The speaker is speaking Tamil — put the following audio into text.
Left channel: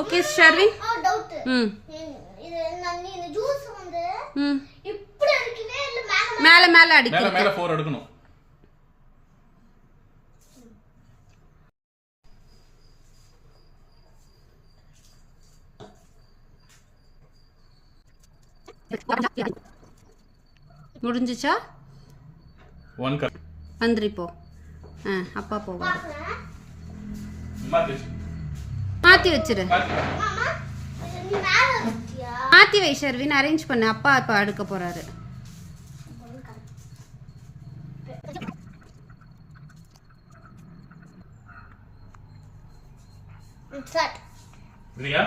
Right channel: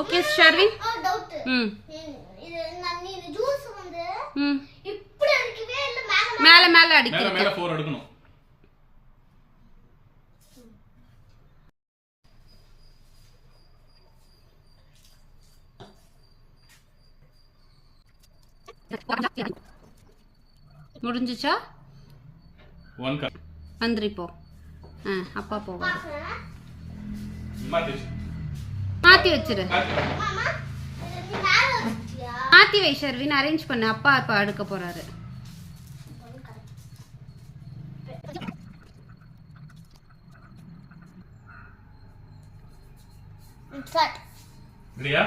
ஓகே ஷர்வின் டவுட் இது நான் இந்த ஜூஸ் வந்து இப்படி அடிக்கவே இல்ல மேல மேல அடிக்கணும் மேல 4 எடுக்கணும் முடிஞ்சுச்சா 1 கப் அந்திரி போ அப்பா போவாரு மாத்தி வச்சிரு மாமா இது மேல வச்சியா மாத்தி வை ஷர்வின் அரேஞ்ச் பண்ணு அப்பா அப்பா அடுக்க போறாரு ஸ்டார்ட் ரெடியா